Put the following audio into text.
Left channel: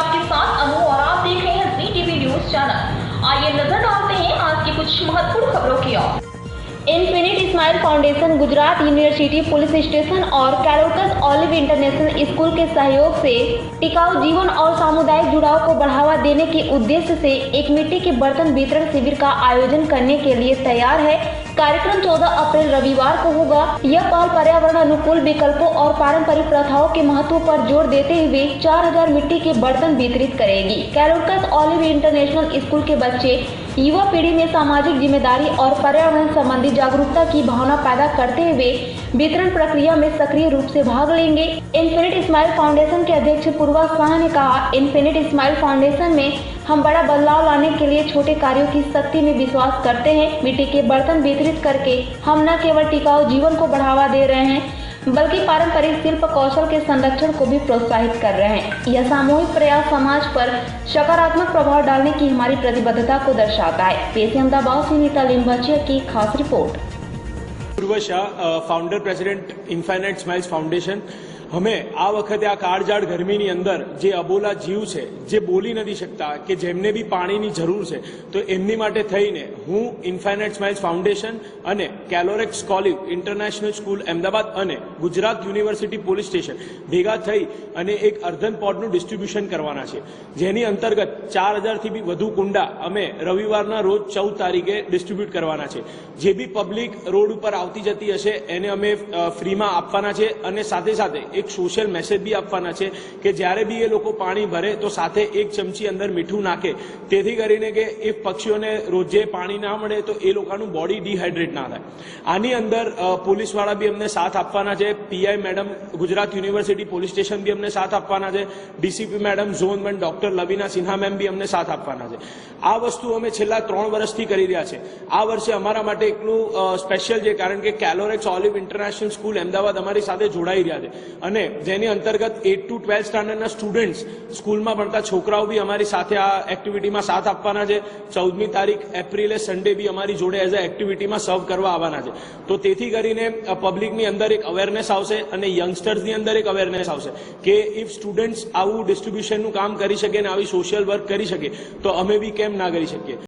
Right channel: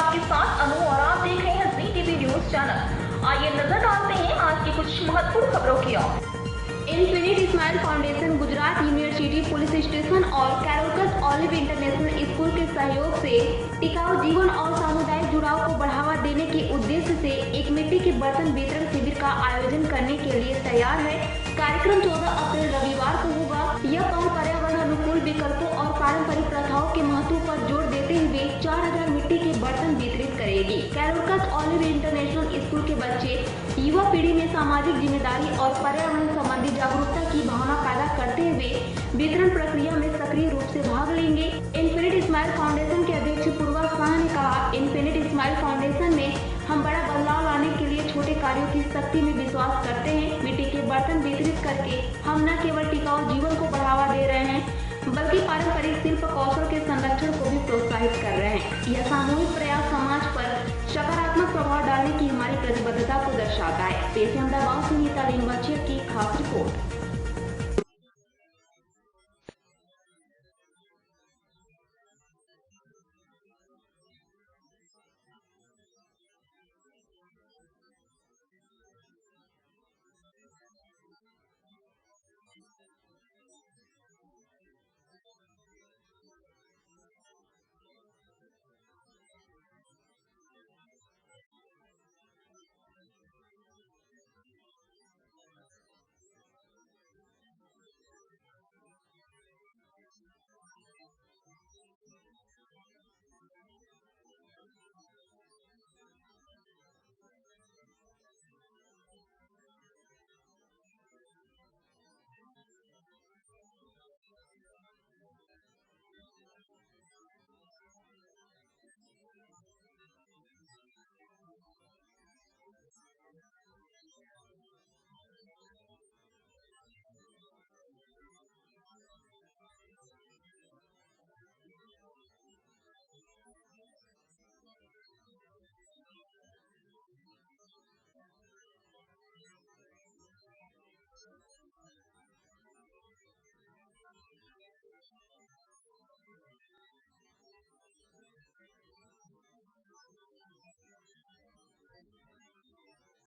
आपके साथ अनु और आप देख रहे हैं जी टीवी न्यूज चैनल। आइए नजर डालते हैं आज की कुछ महत्वपूर्ण खबरों की ओर। Infinite smile foundation, Gujarat university police station और कैलोरकस ऑलिव इंटरनेशनल स्कूल के सहयोग से टिकाऊ जीवन और सामुदायिक जुड़ाव को बढ़ावा देने के उद्देश्य से एक मिट्टी के बर्तन वितरण शिविर का आयोजन करने के लिए तैयार है। कार्यक्रम 14 अप्रैल रविवार को होगा। यह पहल पर्यावरण अनुकूल विकल्पों और पारंपरिक प्रथाओं के महत्व पर जोर देते हुए 4000 मिट्टी के बर्तन वितरित करेगी। कैलोरकस ऑलिव इंटरनेशनल स्कूल के बच्चे युवा पीढ़ी में सामाजिक जिम्मेदारी और पर्यावरण संबंधी जागरूकता की भावना पैदा करते हुए वितरण प्रक्रिया में सक्रिय रूप से भाग लेंगे। इन्फिनिट स्माइल फाउंडेशन के अध्यक्ष पूर्वा शाह ने कहा, इन्फिनिट स्माइल फाउंडेशन में हम बड़ा बदलाव लाने के लिए छोटे कार्यों की शक्ति में विश्वास करते हैं। मिट्टी के बर्तन वितरित करके हम न केवल टिकाऊ जीवन को बढ़ावा दे रहे हैं बल्कि पारंपरिक शिल्प कौशल के संरक्षण को भी प्रोत्साहित कर रहे हैं। यह सामूहिक प्रयास समाज पर सकारात्मक प्रभाव डालने की हमारी प्रतिबद्धता को दर्शाता है। पेश है अहमदाबाद से नीता लिंबाचिया की खास रिपोर्ट। પૂર્વ Shah, founder president infinite smiles foundation, અમે આ વખતે આ કાળઝાળ ગરમીની અંદર જે અબોલા જીવ છે, જે બોલી નથી શકતા, કે જેમને બી પાણીની જરૂર છે, તો એમની માટે થઈને હું ઇન્ફાઇનાઇટ સ્માઇલ્સ ફાઉન્ડેશન અને Calorex olive international school Ahmedabad અને ગુજરાત યુનિવર્સિટી પોલીસ સ્ટેશન ભેગા થઈ અને એક અર્ધન પોડનું ડિસ્ટ્રીબ્યુશન કરવાના છે, જેની અંતર્ગત 4000થી બી વધુ કુંડા અમે રવિવારના રોજ 14 તારીખે ડિસ્ટ્રીબ્યુટ કરવાના છે। જે બી પબ્લિક રોડ ઉપર આવતી જતી હશે એને અમે ફ્રીમાં આપવાના છે અને સાથે સાથે એક સોશિયલ મેસેજ બી આપવાના છે કે જ્યારે બી એ લોકો પાણી ભરે તો સાથે એક ચમચી અંદર મીઠું નાખે, તેથી કરીને કે એ પક્ષીઓને રોજે પાણી ના મળે તો એ લોકોનું બોડી ડિહાઇડ્રેટ ના થાય। આની અંદર પોલીસવાળા બી અમને સાથ આપવાના છે। PI madam Gujarat university police station બી અમને સાથ આપવાના છે। DCP madam zone 1 doctor Lavina Sinha ma'am બી અમને સાથ આપવાના છે। આ વસ્તુ અમે છેલ્લા 3 વર્ષથી કરી રહ્યા છે। આ વર્ષે અમારા માટે એકલું સ્પેશિયલ છે કારણ કે Calorex olive international school Ahmedabad અમારી સાથે જોડાઈ રહ્યા છે અને જેની અંતર્ગત 8 to 12 સ્ટાન્ડર્ડના સ્ટુડન્ટ્સ, સ્કૂલમાં ભણતા છોકરાઓ બી અમારી સાથે આ એક્ટિવિટીમાં સાથ આપવાના છે। 14મી તારીખ એપ્રિલે સન્ડે બી અમારી જોડે એઝ અ એક્ટિવિટીમાં સર્વ કરવા આવવાના છે। તો તેથી કરીને પબ્લિકની અંદર એક અવેરનેસ આવશે અને યંગસ્ટર્સની અંદર એક અવેરનેસ આવશે કે ઇફ સ્ટુડન્ટ્સ આવું ડિસ્ટ્રીબ્યુશનનું કામ કરી શકે ને આવી સોશિયલ વર્ક કરી શકે તો અમે બી કેમ ના કરી શકીએ।